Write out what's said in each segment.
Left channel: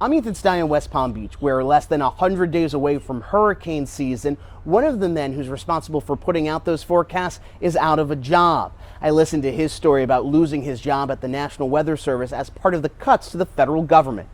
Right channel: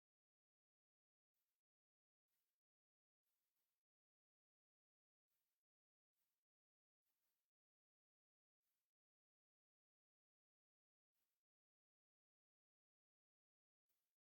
I'm Ethan Stein in West Palm Beach, where less than 100 days away from hurricane season, one of the men who's responsible for putting out those forecasts is out of a job. I listened to his story about losing his job at the National Weather Service as part of the cuts to the federal government.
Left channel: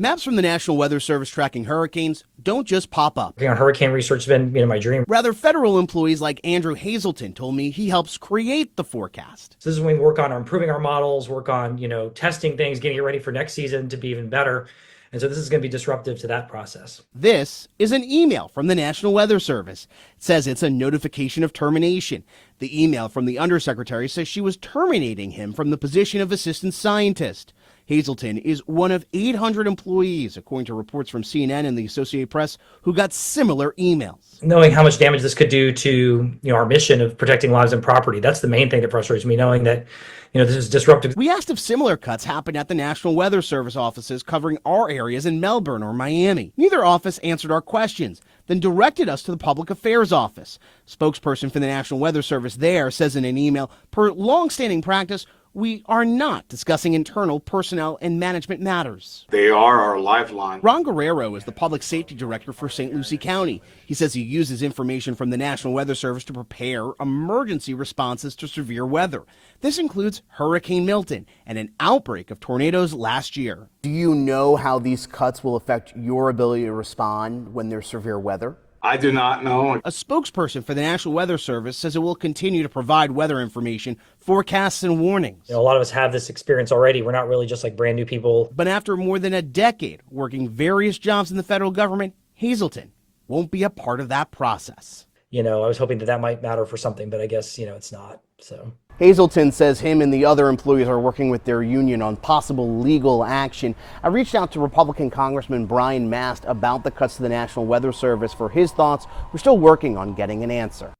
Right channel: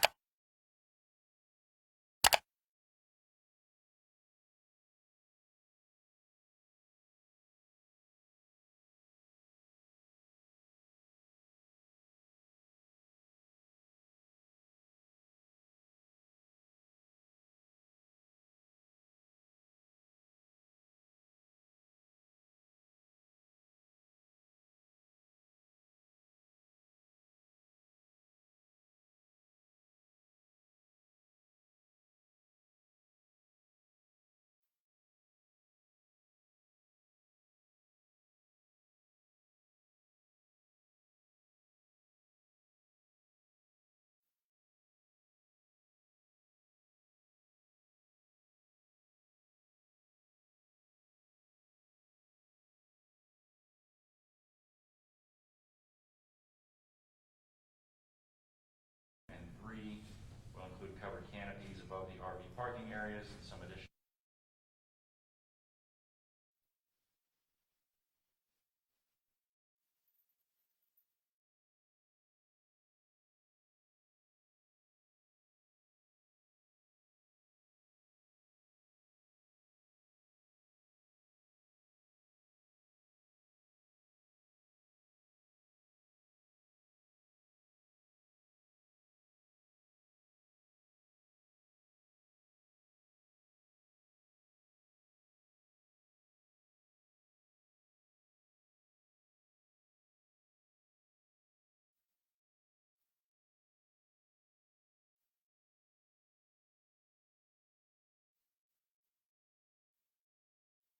Maps from the National Weather Service tracking hurricanes don't just pop up. Working on hurricane research has been, my dream. Rather, federal employees like Andrew Hazelton told me he helps create the forecast. So this is when we work on improving our models, work on, testing things, getting it ready for next season to be even better. And so this is going to be disruptive to that process. This is an email from the National Weather Service. It says it's a notification of termination. The email from the undersecretary says she was terminating him from the position of assistant scientist. Hazelton is one of 800 employees, according to reports from CNN and the Associated Press, who got similar emails. Knowing how much damage this could do to, our mission of protecting lives and property, that's the main thing that frustrates me, knowing that, this is disruptive. We asked if similar cuts happened at the National Weather Service offices covering our areas in Melbourne or Miami. Neither office answered our questions, then directed us to the Public Affairs Office. Spokesperson for the National Weather Service there says in an email, per long-standing practice, we are not discussing internal personnel and management matters. They are our lifeline. Ron Guerrero is the public safety director for St. Lucie County. He says he uses information from the National Weather Service to prepare emergency responses to severe weather. This includes Hurricane Milton and an outbreak of tornadoes last year. Do you know how these cuts will affect your ability to respond when there's severe weather? I do not know. A spokesperson for the National Weather Service says it will continue to provide weather information, forecasts, and warnings. A lot of us have this experience already. We're not really just like brand new people. But after more than a decade working various jobs in the federal government, Hazelton won't be a part of that process. I was hoping that might matter for something, but I guess, it's not. So Hazelton says him and the other employees are working with their union on possible legal action. I reached out to Republican Congressman Brian Mast about the cuts to the National Weather Service for his thoughts. We're still working on getting an answer.